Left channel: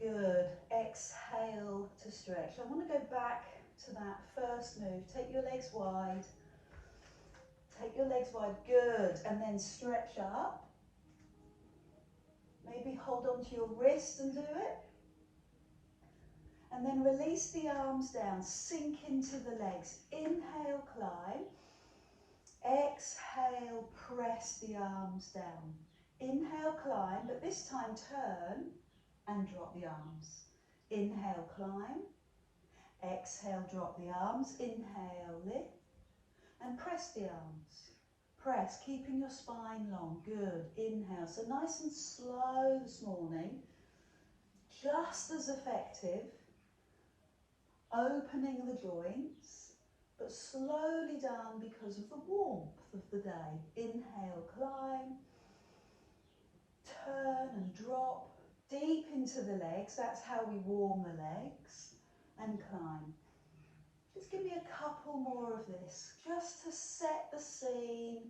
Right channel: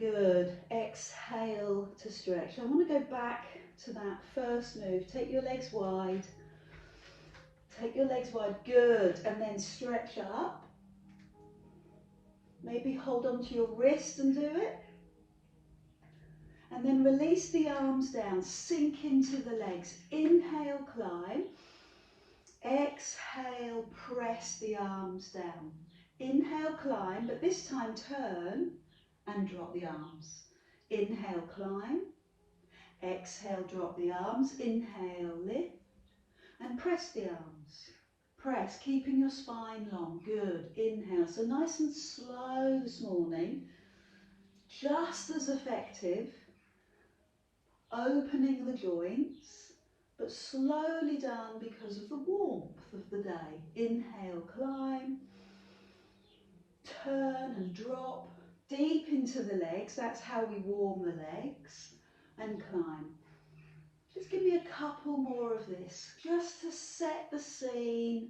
Good. Exhale to stretch. I want to go back to that first move. Take your legs wide. Take your legs wide. Good. And then stretch up. Maybe hold on to your wrist and do it. And then release the arms down. Sink into the legs. Inhale, climb. Exhale, press the arms down. Inhale, climb, but this time turn and drop the arms. Inhale, climb. Exhale, drop the arms. Inhale, lift. And press the arms. Press, keeping your spine long. Good. Inhale. So nice and slow this morning. Just as effective. Opening the joints, but slowly done because of the warmth of the day. Inhale, climb. Turn and drop. Deep into the legs. That's how we warm the legs. And climb. Just give me a couple more of this, just to set the scene,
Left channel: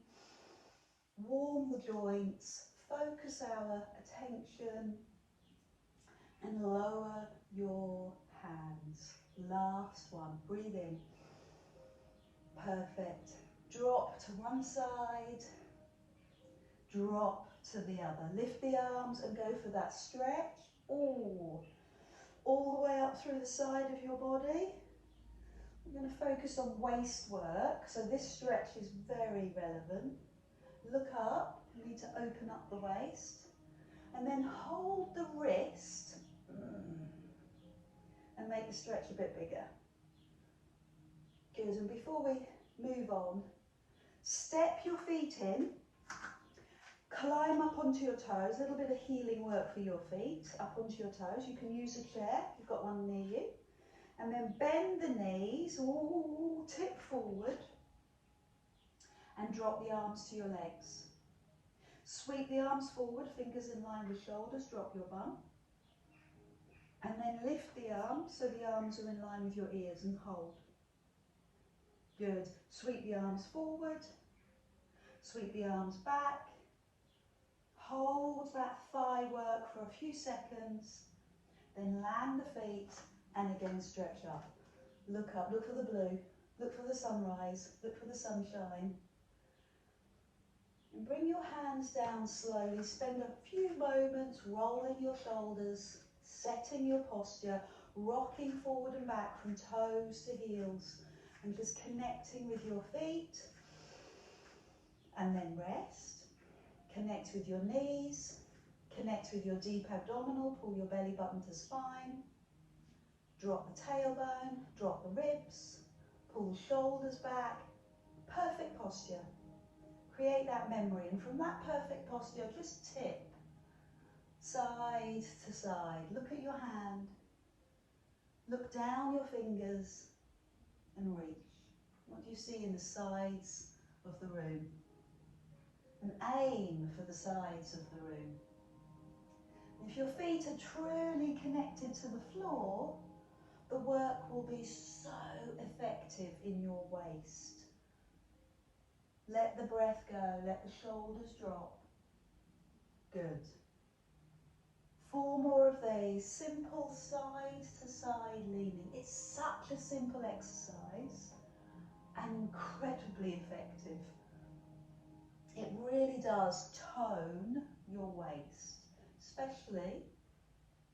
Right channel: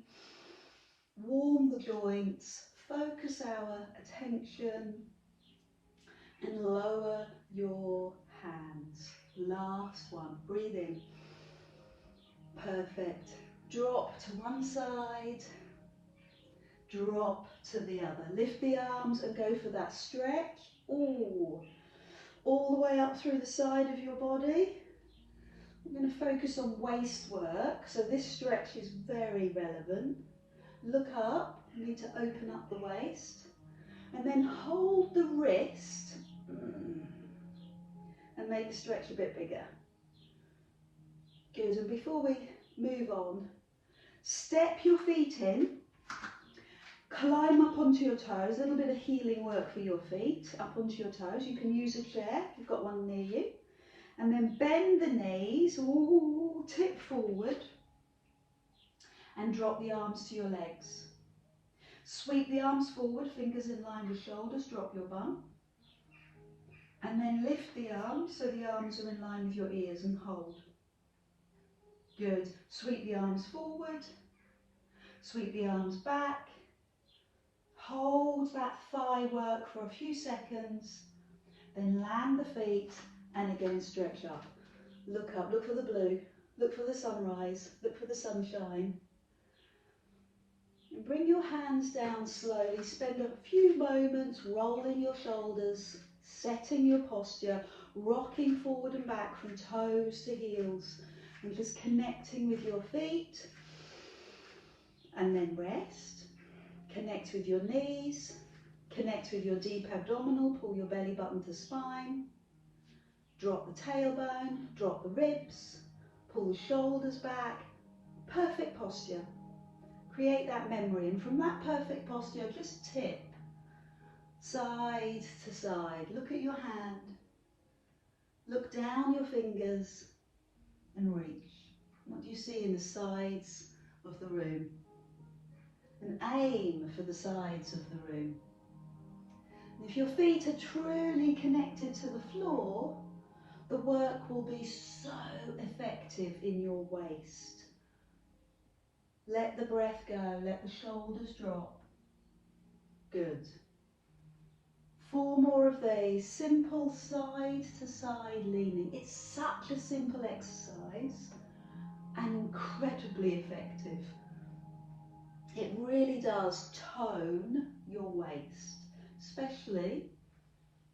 warm the joints, focus our attention, and lower your hands. Last one, breathe in. Perfect. Drop to one side, drop to the other. Lift the arms and go for that stretch. Ooh. All the way up through the side of your body. I'm going to focus on waist work, so this stretch is very relevant. Look up, you need to open up the waist, and then hold the wrist and make the stretch a bit bigger. Good, and before we move on, step your feet in, climb up onto your toes, a little bit of healing work for your feet, up onto your toes. You can use a chair if you've got one near you. And then bend the knees, ooh, tip forward, and drop the arms to your legs. Sweep the arms forward, fingers in line with shoulders, drop your bum. And then lift the arms so the arms are in line with your ears and hold. Good. Sweep the arms forward, sweep the arms back. Hold that thigh work for a few seconds, then land the feet. And again, stretch up. Look up, look for the blue, look for the sunrise, look for the sunshine. And bring your hands down slowly. Spend a few moments rolling your shoulders, setting your posture, rocking forward and back from toes to heels, and just connecting with your feet. And then rest. Connect with your knees, connect with your deep abdominal, pull your belly button to spine. Drop the tailbone, drop the ribs, pull the shoulders back. Perfect posture. Create that memory, and from that perfect posture, just tip side to side. Look at your hand. Look down your fingers and reach. What do you see in the sides of the room? And aim for the sides of the room. And if your feet are truly connected to the floor, the work will be so effective in your waist. Let the breath go, let the shoulders drop. Good. 4 more of these, simple side to side leaning. It's such a simple exercise and incredibly effective. It really does tone your waist, especially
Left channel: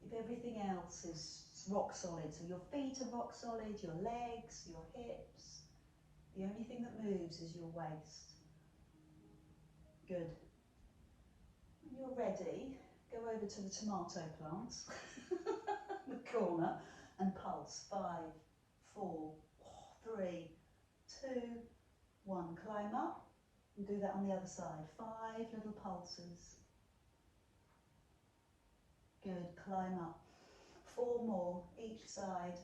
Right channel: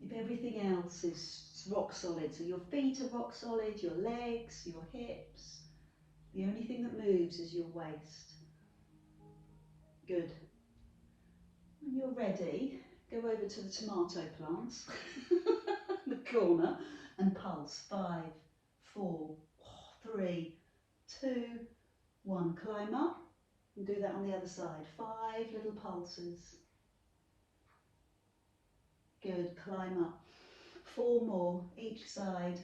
if everything else is rock solid. So your feet are rock solid, your legs, your hips. The only thing that moves is your waist. Good. When you're ready, go over to the tomato plants, the corner, and pulse. 5, 4, 3, 2, 1. Climb up and do that on the other side. 5 little pulses. Good. Climb up. 4 more each side.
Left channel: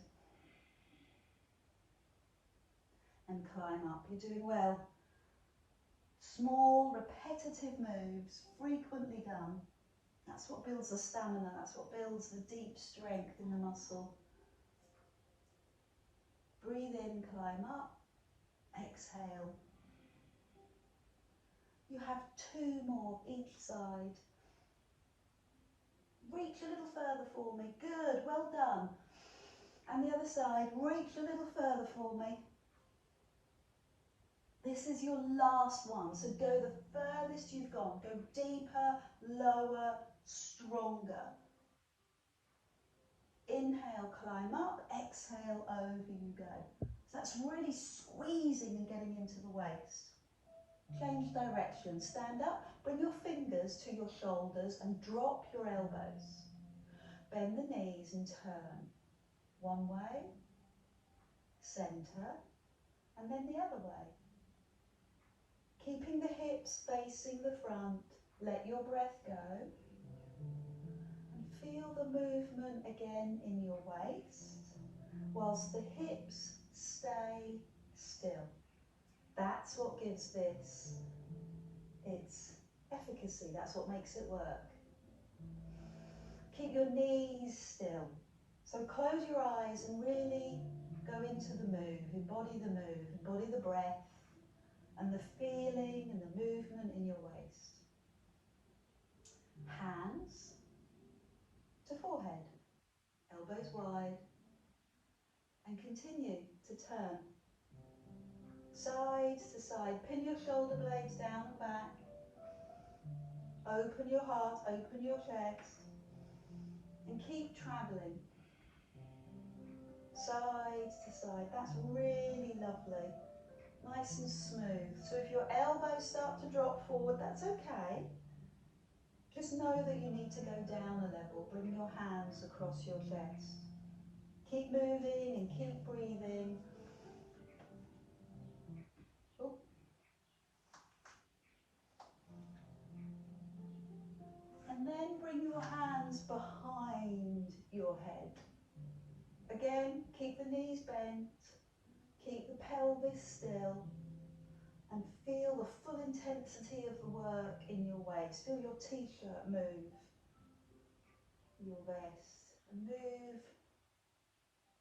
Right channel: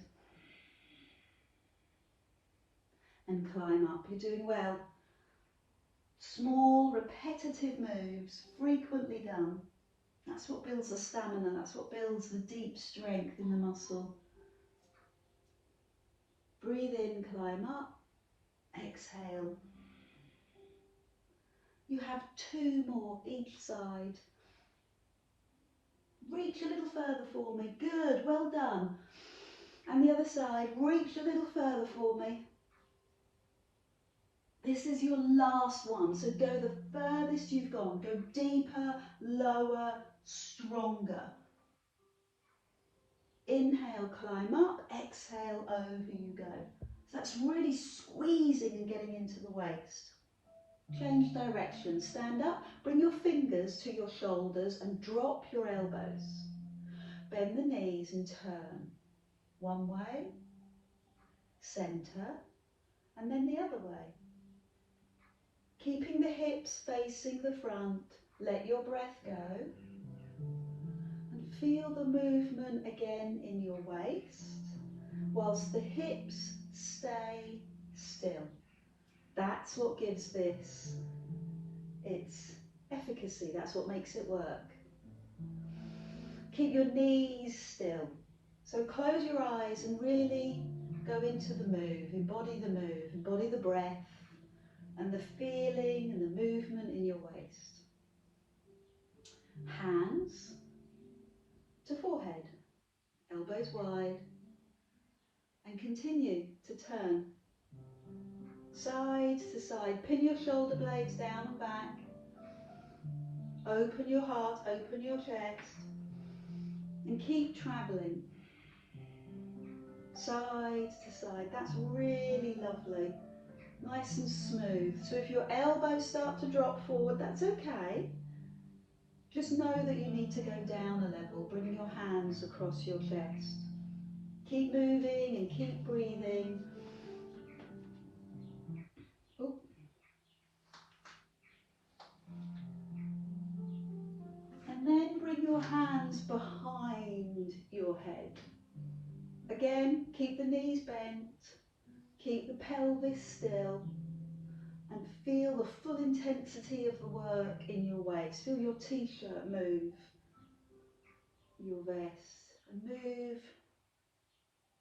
And climb up. You're doing well. Small, repetitive moves, frequently done. That's what builds the stamina, that's what builds the deep strength in the muscle. Breathe in, climb up, exhale. You have 2 more each side. Reach reach a little further for me. Good, well done. And the other side, reach a little further for me. This is your last one, so go the furthest you've gone. Go deeper, lower, stronger. Inhale, climb up. Exhale, over you go. So that's really squeezing and getting into the waist. Change direction. Stand up. Bring your fingers to your shoulders and drop your elbows. Bend the knees and turn. One way, centre, and then the other way. Keeping the hips facing the front, let your breath go. And feel the movement again in your waist, whilst the hips stay still. That's what gives this its efficacy, that's what makes it work. Keep your knees still. So close your eyes and really go into the move, embody the breath and the feeling and the movement in your waist. Hands to forehead, elbows wide, and continue to turn side to side. Pin your shoulder blades down and back. Open your heart, open your chest, and keep travelling side to side. That's really lovely, nice and smooth. So if your elbows start to drop forward, that's okay. Just know that you need to go down a level. Bring your hands across your chest. Keep moving and keep breathing. Ooh. And then bring your hands behind your head. Again, keep the knees bent, keep the pelvis still, and feel the full intensity of the work in your waist. Feel your t-shirt move, your vest, and move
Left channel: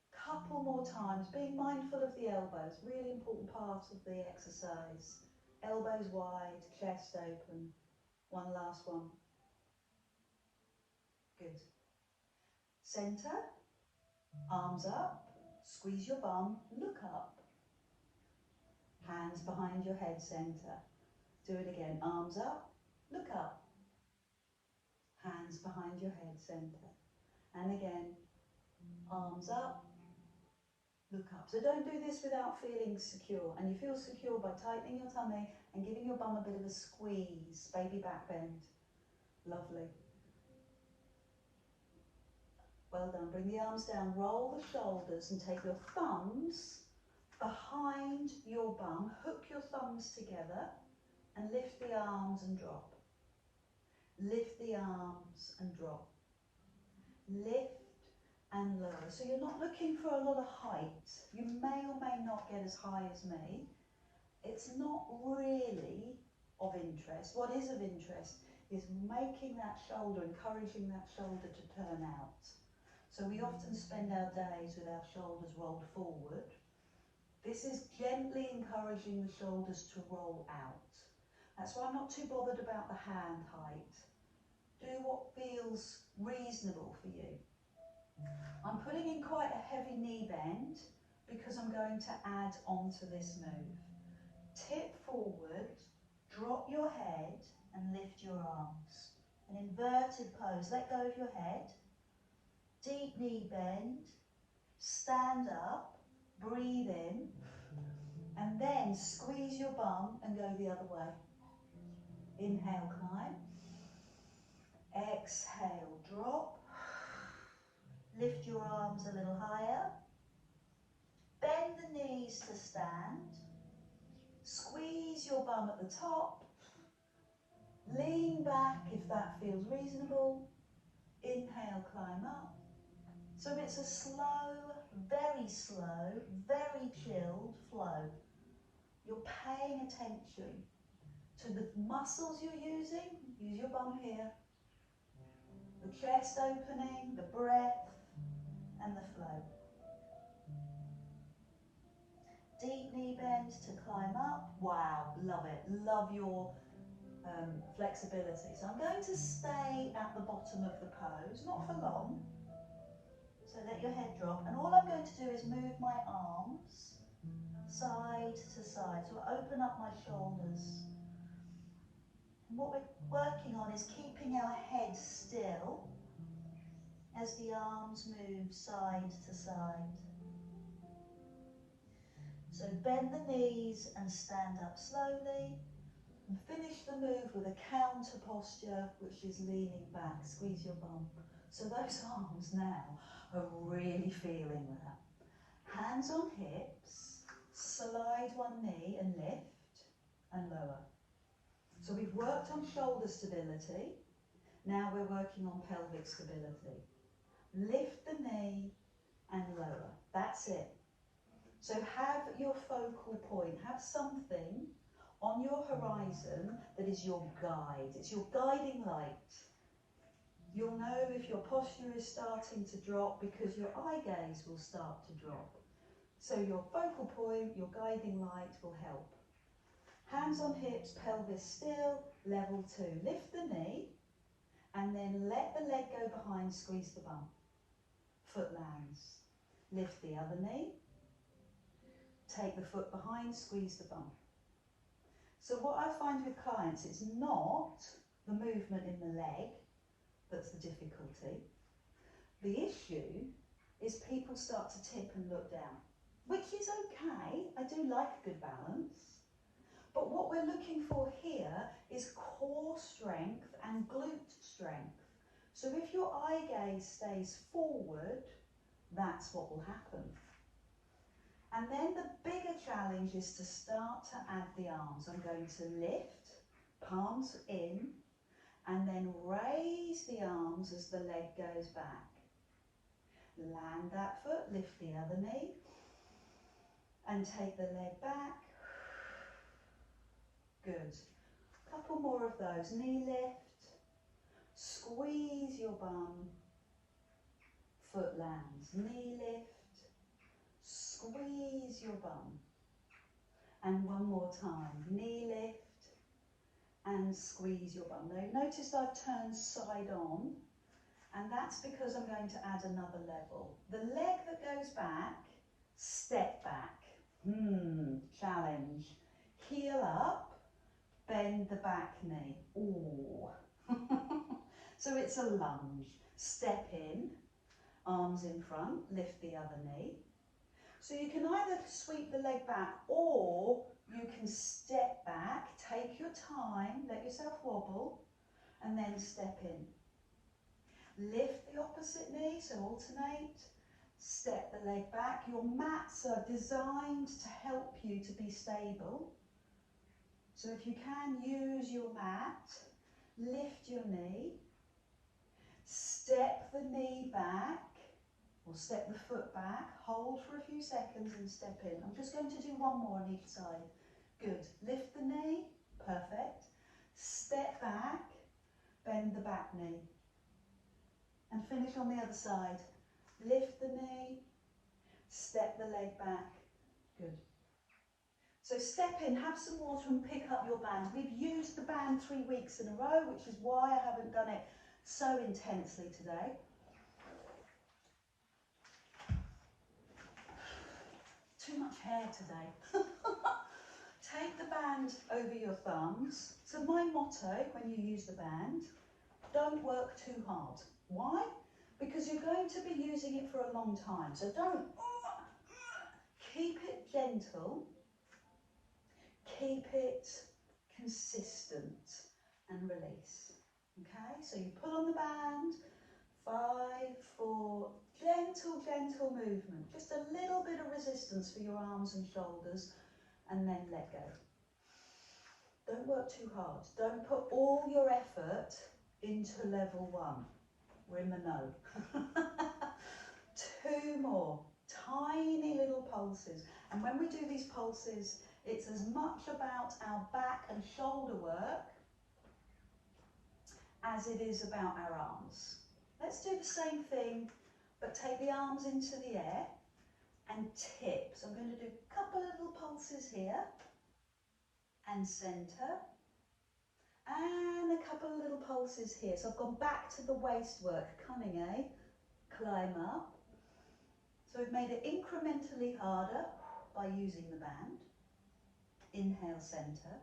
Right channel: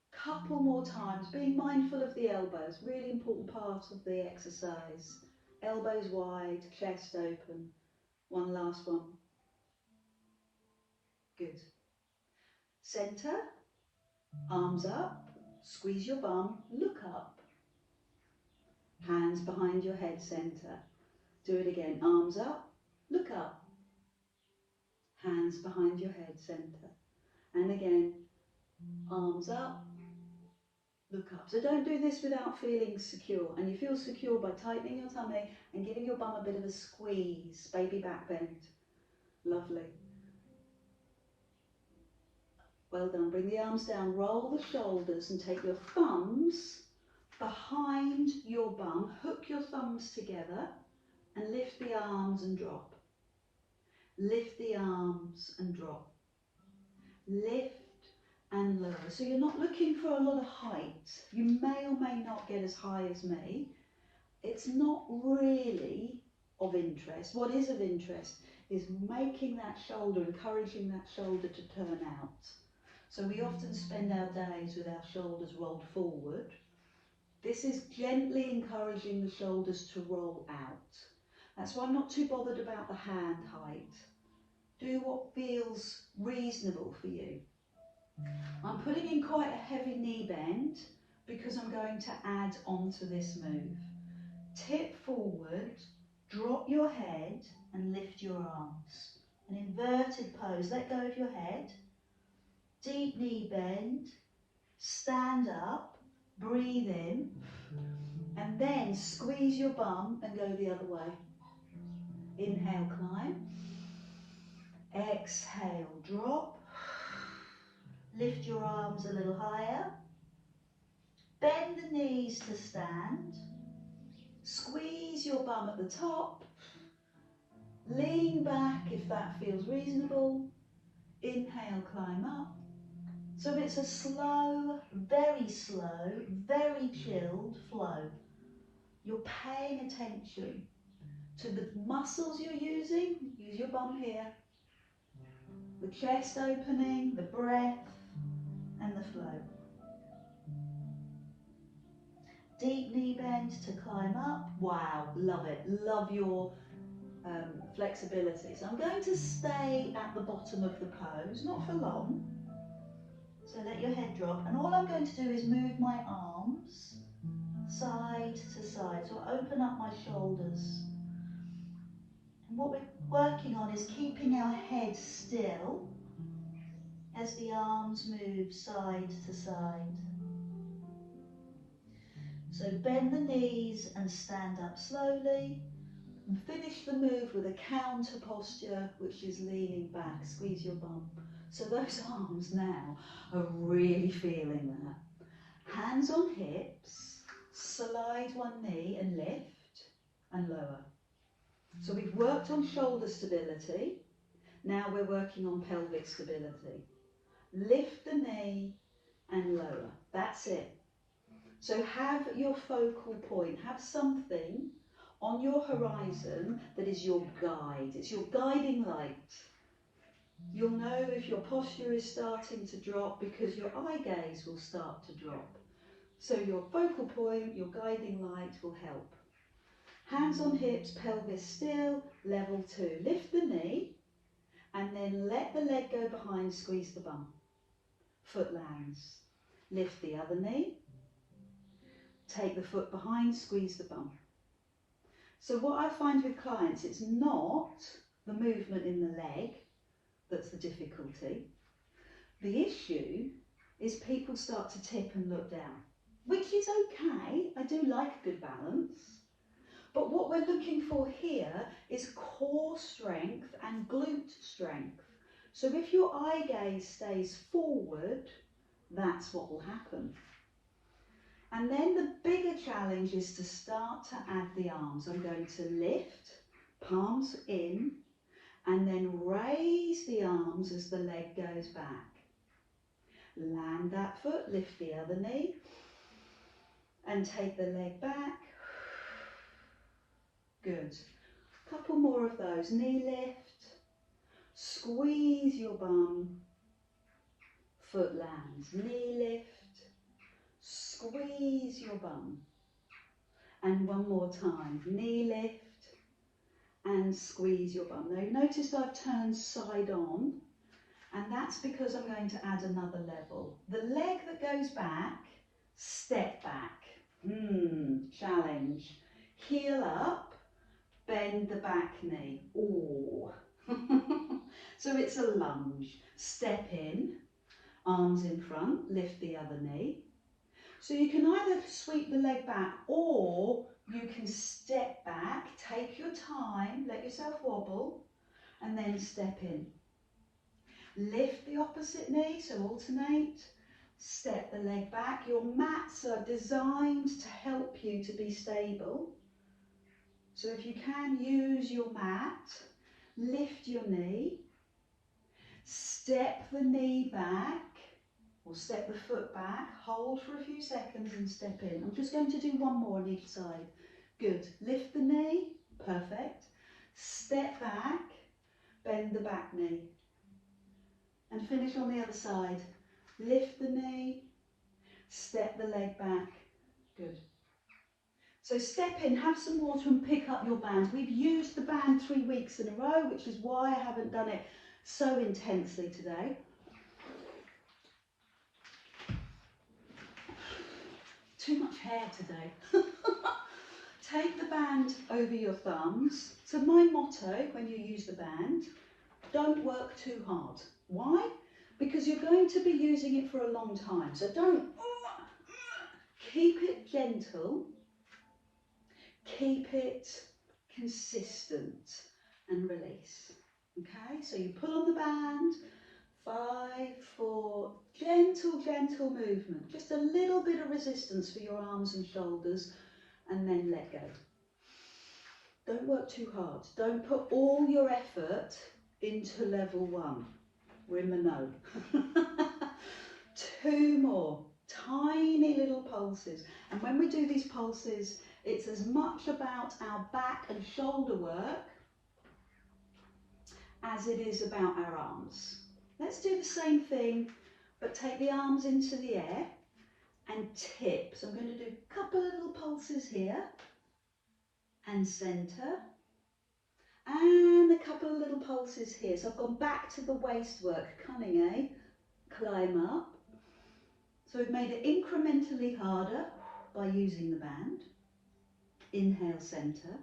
a couple more times, being mindful of the elbows, really important part of the exercise. Elbows wide, chest open. One last one. Good. Centre, arms up, squeeze your bum, look up. Hands behind your head, centre. Do it again, arms up, look up. Hands behind your head, centre. And again, arms up, look up. So don't do this without feeling secure. And you feel secure by tightening your tummy and giving your bum a bit of a squeeze, baby back bend. Lovely. Well done. Bring the arms down, roll the shoulders and take your thumbs behind your bum. Hook your thumbs together and lift the arms and drop. Lift the arms and drop. Lift and lower. So you're not looking for a lot of height. You may or may not get as high as me. It's not really of interest. What is of interest is making that shoulder, encouraging that shoulder to turn out. So we often spend our days with our shoulders rolled forward. This is gently encouraging the shoulders to roll out. That's why I'm not too bothered about the hand height. Do what feels reasonable for you. I'm putting in quite a heavy knee bend because I'm going to add on to this move. Tip forward, drop your head and lift your arms. An inverted pose, let go of your head. Deep knee bend, stand up, breathe in, and then squeeze your bum and go the other way. Inhale, climb. Exhale, drop. Lift your arms a little higher. Bend the knees to stand. Squeeze your bum at the top. Lean back if that feels reasonable. Inhale, climb up. So it's a slow, very chilled flow. You're paying attention to the muscles you're using. Use your bum here. The chest opening, the breath, and the flow. Deep knee bend to climb up. Wow, love it. Love your flexibility. So I'm going to stay at the bottom of the pose, not for long. So let your head drop, and all I'm going to do is move my arms side to side. So I open up my shoulders. And what we're working on is keeping our head still as the arms move side to side. So bend the knees and stand up slowly. And finish the move with a counter posture, which is leaning back. Squeeze your bum. So those arms now are really feeling that. Hands on hips, slide one knee and lift and lower. So we've worked on shoulder stability. Now we're working on pelvic stability. Lift the knee and lower. That's it. So have your focal point. Have something on your horizon that is your guide. It's your guiding light. You'll know if your posture is starting to drop because your eye gaze will start to drop. So your focal point, your guiding light will help. Hands on hips, pelvis still, level 2. Lift the knee and then let the leg go behind, squeeze the bum. Foot lands. Lift the other knee. Take the foot behind, squeeze the bum. So what I find with clients, it's not the movement in the leg that's the difficulty. The issue is people start to tip and look down, which is okay. I do like a good balance. But what we're looking for here is core strength and glute strength. So if your eye gaze stays forward, that's what will happen. And then the bigger challenge is to start to add the arms. I'm going to lift, palms in, and then raise the arms as the leg goes back. Land that foot, lift the other knee, and take the leg back. Good. Couple more of those. Knee lift, squeeze your bum, foot lands. Knee lift, squeeze your bum. And one more time. Knee lift and squeeze your bum. Now notice I've turned side on, and that's because I'm going to add another level. The leg that goes back, step back. Challenge. Heel up, bend the back knee. Ooh. So it's a lunge. Step in, arms in front, lift the other knee. So you can either sweep the leg back or you can step back, take your time, let yourself wobble, and then step in. Lift the opposite knee, so alternate. Step the leg back. Your mats are designed to help you to be stable. So if you can, use your mat. Lift your knee. Step the knee back. Or step the foot back, hold for a few seconds and step in. I'm just going to do one more on each side. Good. Lift the knee. Perfect. Step back, bend the back knee. And finish on the other side. Lift the knee, step the leg back. Good. So step in, have some water and pick up your band. We've used the band 3 weeks in a row, which is why I haven't done it so intensely today. Too much hair today. Take the band over your thumbs. So my motto when you use the band, don't work too hard. Why? Because you're going to be using it for a long time. So don't, keep it gentle, keep it consistent and release. Okay, so you pull on the band, 5, 4, gentle movement, just a little bit of resistance for your arms and shoulders, and then let go. Don't work too hard. Don't put all your effort into level 1. We're in the no. 2 more, tiny little pulses. And when we do these pulses, it's as much about our back and shoulder work as it is about our arms. Let's do the same thing, but take the arms into the air and tip. So I'm going to do a couple of little pulses here and centre And a couple of little pulses here. So I've gone back to the waist work. Cunning, eh? Climb up. So we've made it incrementally harder by using the band. Inhale, centre.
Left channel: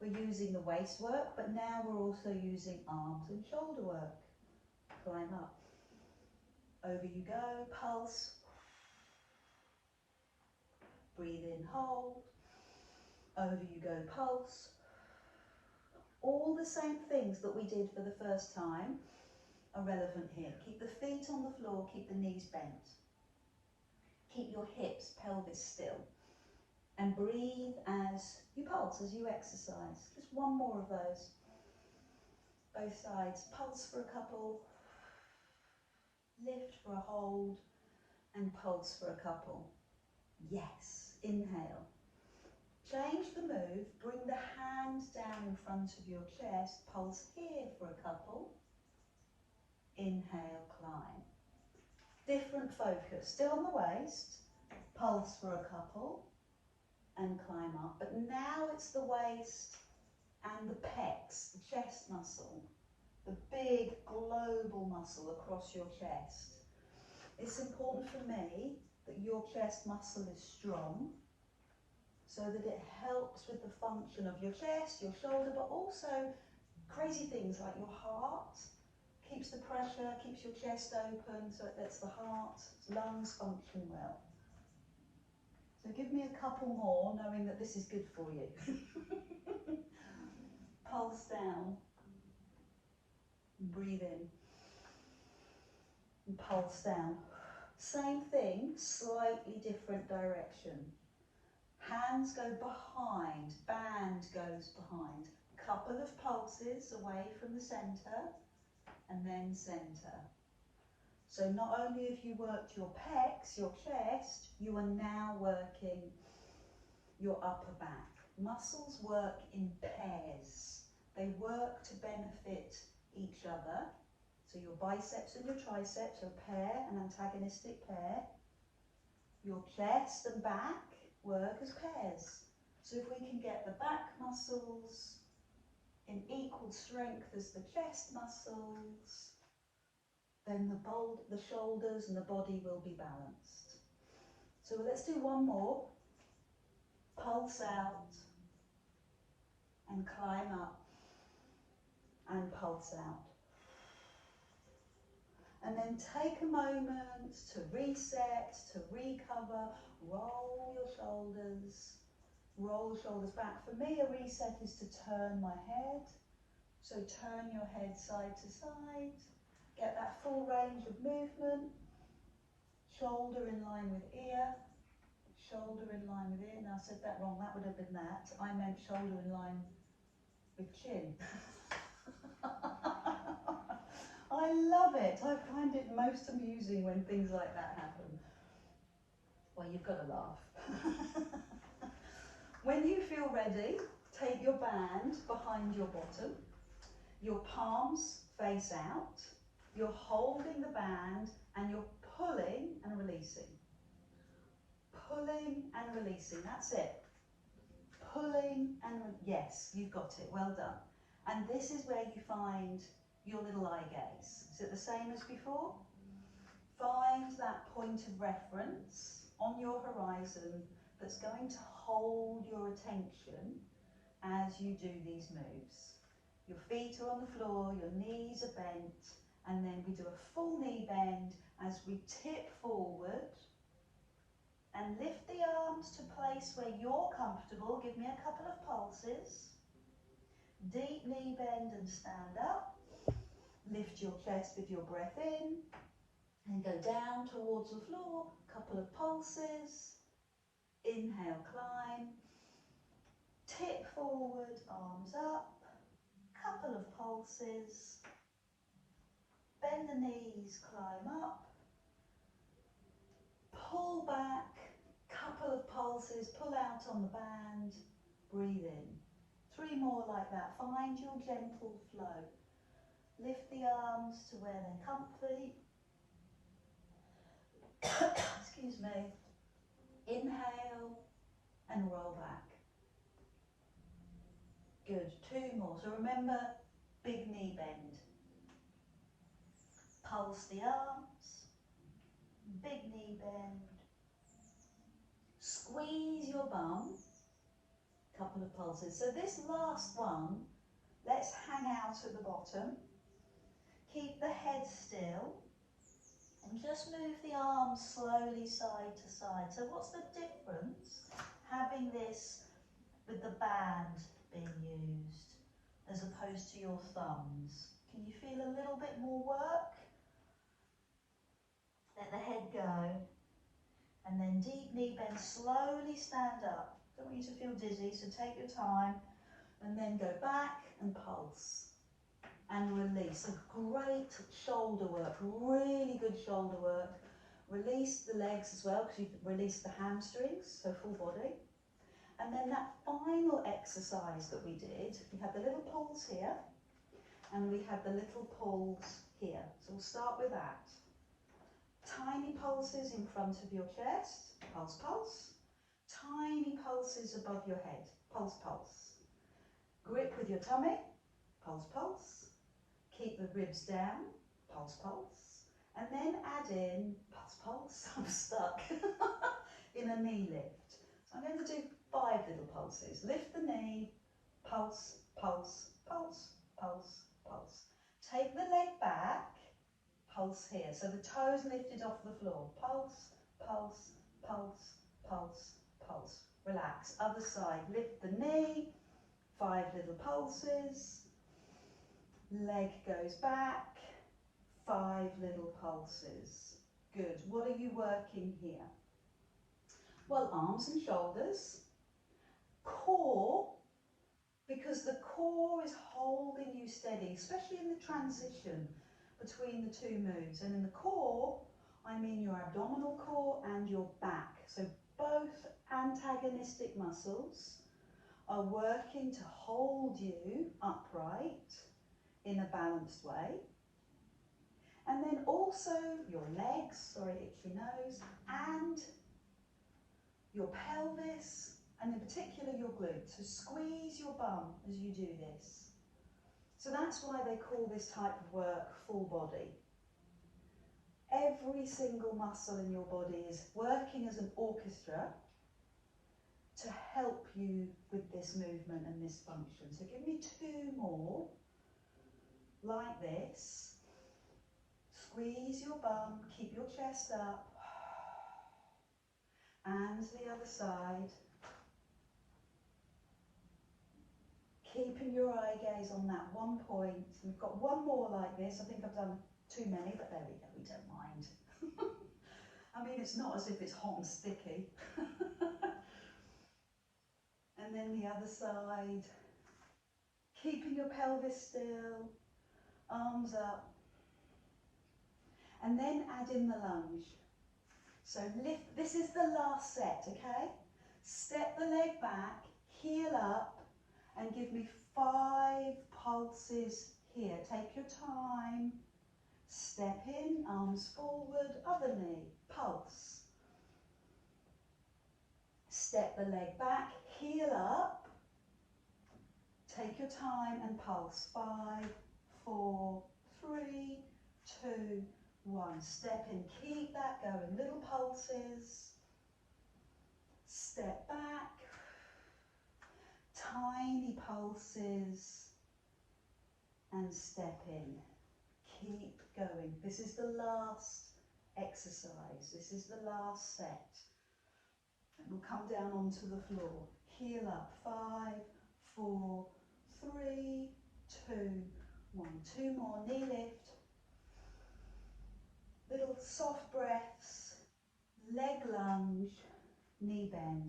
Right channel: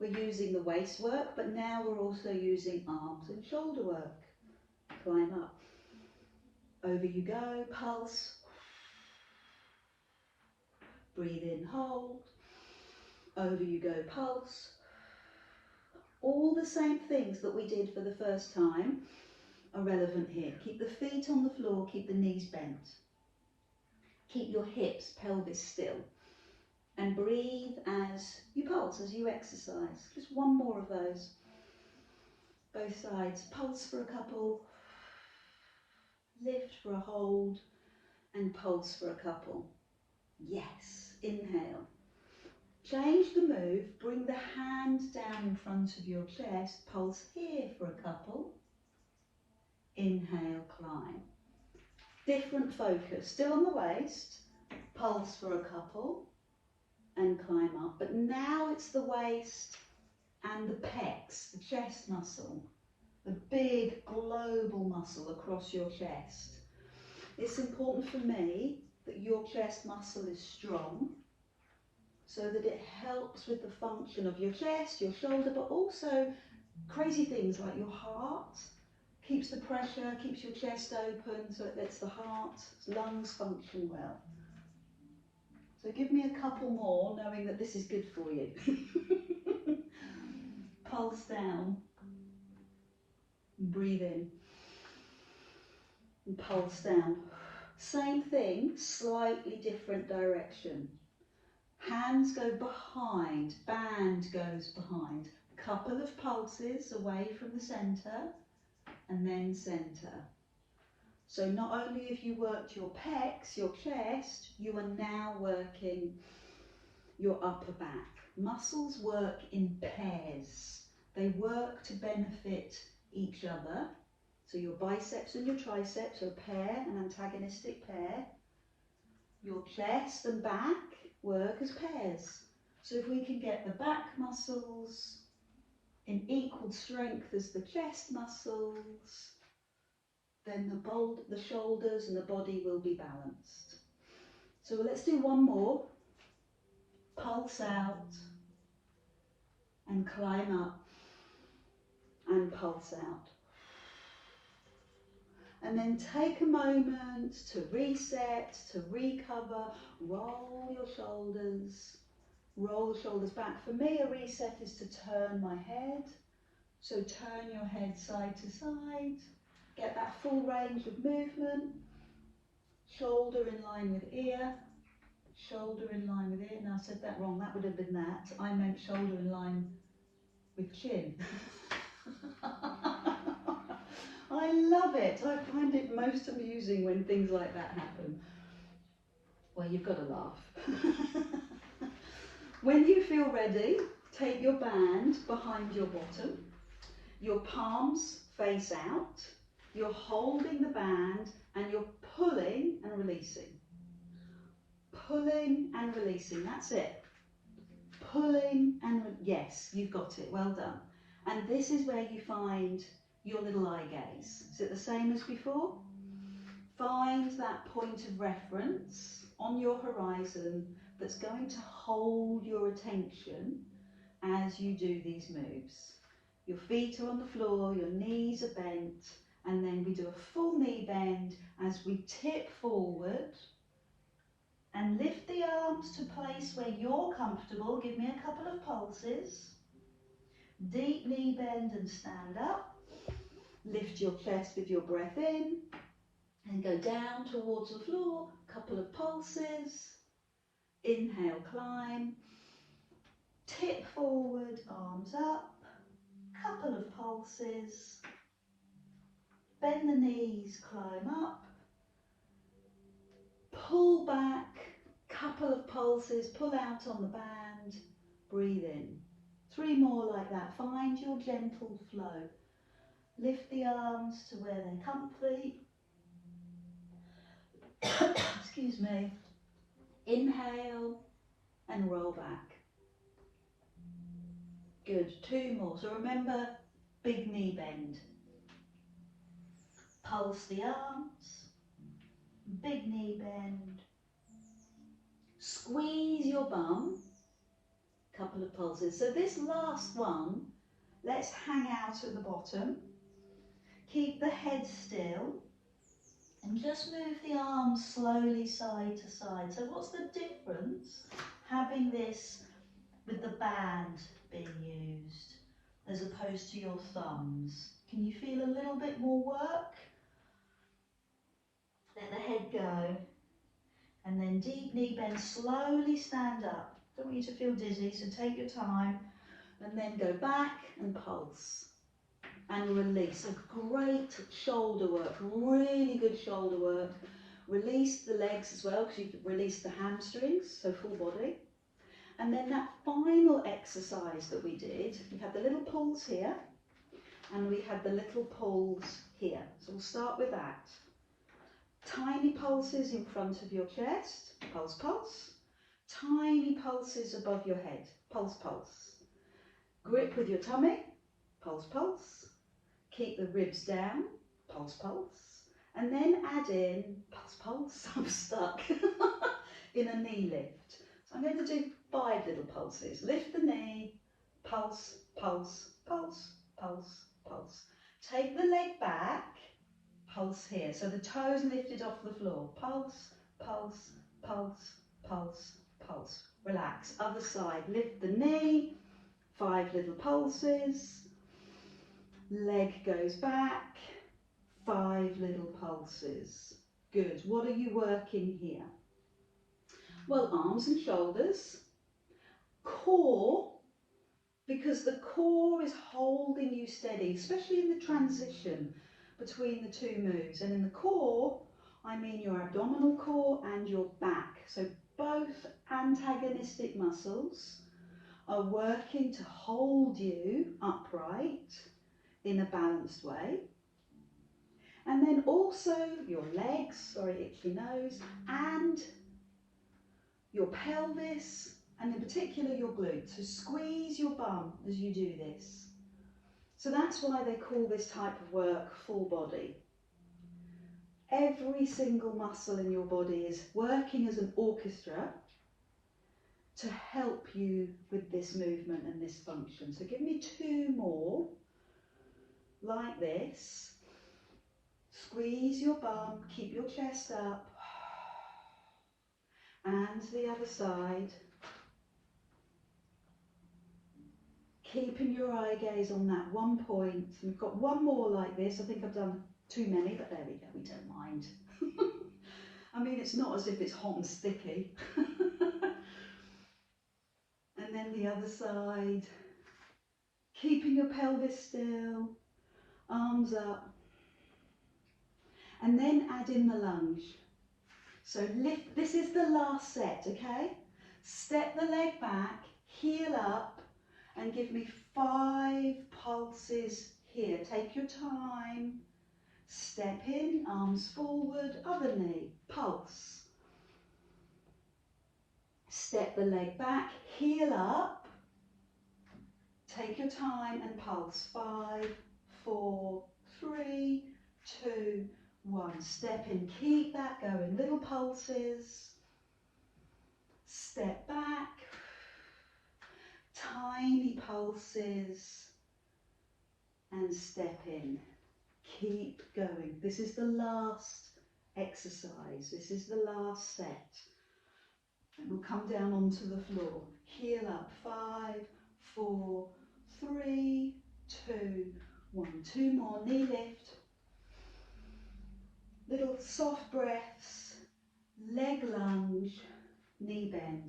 We're using the waist work, but now we're also using arms and shoulder work. Climb up. Over you go, pulse. Breathe in, hold. Over you go, pulse. All the same things that we did for the first time are relevant here. Keep the feet on the floor, keep the knees bent. Keep your hips, pelvis still. And breathe as you pulse, as you exercise. Just one more of those. Both sides. Pulse for a couple. Lift for a hold. And pulse for a couple. Yes. Inhale. Change the move. Bring the hand down in front of your chest. Pulse here for a couple. Inhale, climb. Different focus. Still on the waist. Pulse for a couple. And climb up. But now it's the waist and the pecs, the chest muscle, the big global muscle across your chest. It's important for me that your chest muscle is strong so that it helps with the function of your chest, your shoulder, but also crazy things like your heart. Keeps the pressure, keeps your chest open, so it lets the heart, lungs function well. So give me a couple more, knowing that this is good for you. Pulse down. Breathe in. And pulse down. Same thing, slightly different direction. Hands go behind, band goes behind. Couple of pulses away from the centre, and then centre. So not only have you worked your pecs, your chest, you are now working your upper back. Muscles work in pairs. They work to benefit each other. So your biceps and your triceps are a pair, an antagonistic pair. Your chest and back work as pairs. So if we can get the back muscles in equal strength as the chest muscles, then the shoulders and the body will be balanced. So let's do one more. Pulse out and climb up and pulse out. And then take a moment to reset, to recover. Roll your shoulders. Roll the shoulders back. For me, a reset is to turn my head. So turn your head side to side. Get that full range of movement. Shoulder in line with ear. Shoulder in line with ear. Now I said that wrong. That would have been that. I meant shoulder in line with chin. I love it. I find it most amusing when things like that happen. Well, you've got to laugh. When you feel ready, take your band behind your bottom. Your palms face out. You're holding the band and you're pulling and releasing. Pulling and releasing. That's it. Pulling and yes, you've got it. Well done. And this is where you find your little eye gaze. Is it the same as before? Find that point of reference on your horizon that's going to hold your attention as you do these moves. Your feet are on the floor, your knees are bent, and then we do a full knee bend as we tip forward and lift the arms to a place where you're comfortable. Give me a couple of pulses. Deep knee bend and stand up. Lift your chest with your breath in and go down towards the floor. Couple of pulses. Inhale, climb. Tip forward, arms up. Couple of pulses. Bend the knees, climb up. Pull back. Couple of pulses. Pull out on the band. Breathe in. 3 more like that. Find your gentle flow. Lift the arms to where they're comfy. Excuse me. Inhale and roll back. Good, 2 more. So remember, big knee bend. Pulse the arms, big knee bend. Squeeze your bum, couple of pulses. So this last one, let's hang out at the bottom. Keep the head still and just move the arms slowly side to side. So what's the difference having this with the band being used as opposed to your thumbs? Can you feel a little bit more work? Let the head go. And then deep knee bend, slowly stand up. Don't want you to feel dizzy, so take your time. And then go back and pulse. And release. A great shoulder work, really good shoulder work. Release the legs as well, because you've released the hamstrings, so full body. And then that final exercise that we did, we had the little pulls here, and we had the little pulls here. So we'll start with that. Tiny pulses in front of your chest, pulse, pulse. Tiny pulses above your head, pulse, pulse. Grip with your tummy, pulse, pulse. Keep the ribs down, pulse, pulse. And then add in, pulse, pulse, I'm stuck, in a knee lift. So I'm going to do 5 little pulses. Lift the knee, pulse, pulse, pulse, pulse, pulse. Take the leg back, pulse here. So the toes lifted off the floor. Pulse, pulse, pulse, pulse, pulse. Relax. Other side. Lift the knee. 5 little pulses. Leg goes back. 5 little pulses. Good. What are you working here? Well, arms and shoulders. Core, because the core is holding you steady, especially in the transition between the 2 moves. And in the core, I mean your abdominal core and your back. So both antagonistic muscles are working to hold you upright in a balanced way. And then also your legs, sorry, itchy nose, and your pelvis, and in particular your glutes. So squeeze your bum as you do this. So that's why they call this type of work full body. Every single muscle in your body is working as an orchestra to help you with this movement and this function. So give me 2 more, like this. Squeeze your bum, keep your chest up, and the other side. Keeping your eye gaze on that one point. We've got 1 more like this. I think I've done too many, but there we go, we don't mind. I mean, it's not as if it's hot and sticky. And then the other side. Keeping your pelvis still, arms up. And then add in the lunge. So lift, this is the last set, okay? Step the leg back, heel up, and give me 5 pulses here. Take your time. Step in, arms forward, other knee, pulse. Step the leg back, heel up. Take your time and pulse. 5, 4, 3, 2, 1. Step in, keep that going. Little pulses. Step back. Tiny pulses. And step in. Keep going. This is the last exercise. This is the last set. And we'll come down onto the floor. Heel up. 5, 4, 3, 2, 1. 2 more. Knee lift. Little soft breaths. Leg lunge. Knee bend.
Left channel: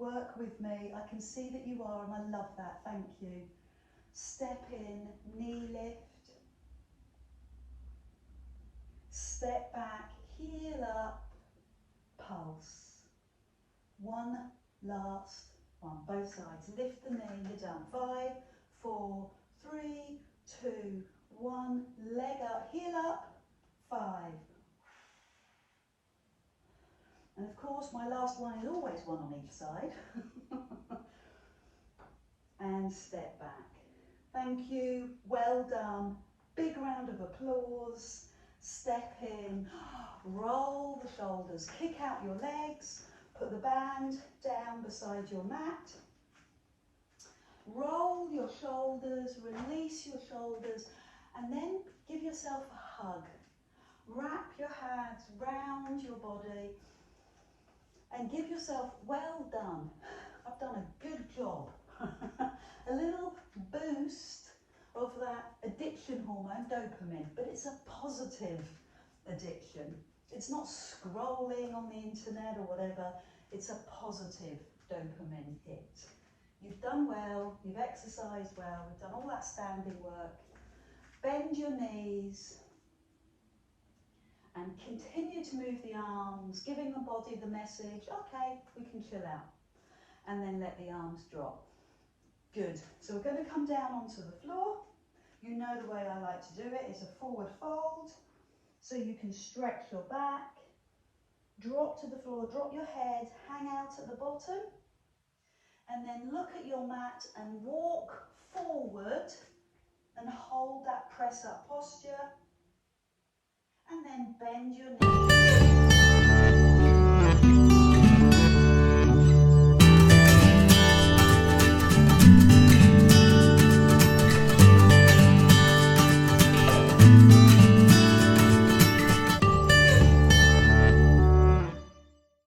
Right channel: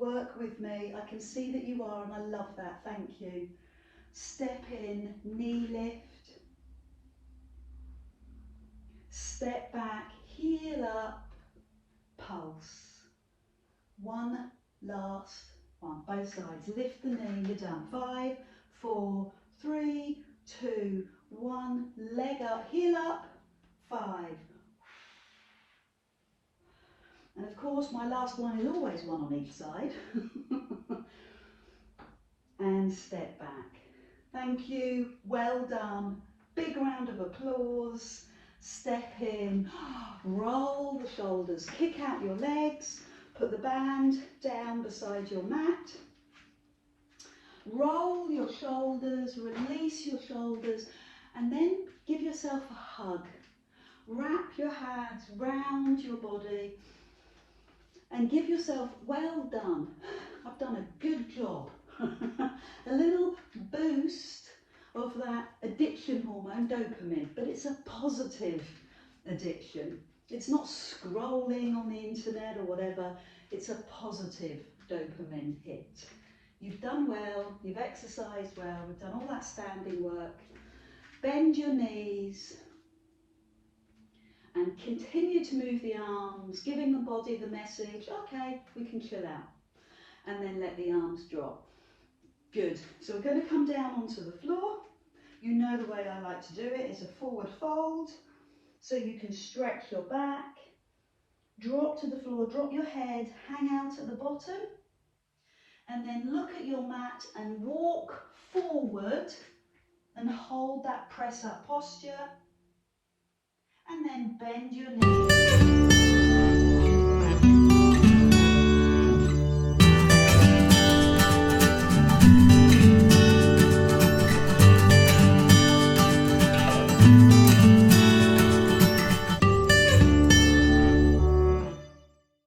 Work with me. I can see that you are, and I love that. Thank you. Step in. Knee lift. Step back, heel up, pulse. 1 last one, both sides. Lift the knee, you're done. 5, 4, 3, 2, 1. Leg up, heel up, 5. And of course, my last one is always 1 on each side. and step back. Thank you, well done. Big round of applause. Step in, roll the shoulders, kick out your legs, put the band down beside your mat. Roll your shoulders, release your shoulders, and then give yourself a hug. Wrap your hands round your body and give yourself, well done. I've done a good job. A little boost of that addiction hormone, dopamine, but it's a positive addiction. It's not scrolling on the internet or whatever, it's a positive dopamine hit. You've done well, you've exercised well, we've done all that standing work. Bend your knees and continue to move the arms, giving the body the message, okay, we can chill out. And then let the arms drop. Good. So we're going to come down onto the floor. You know the way I like to do it is a forward fold. So you can stretch your back, drop to the floor, drop your head, hang out at the bottom. And then look at your mat and walk forward and hold that press up posture. And then bend your knees.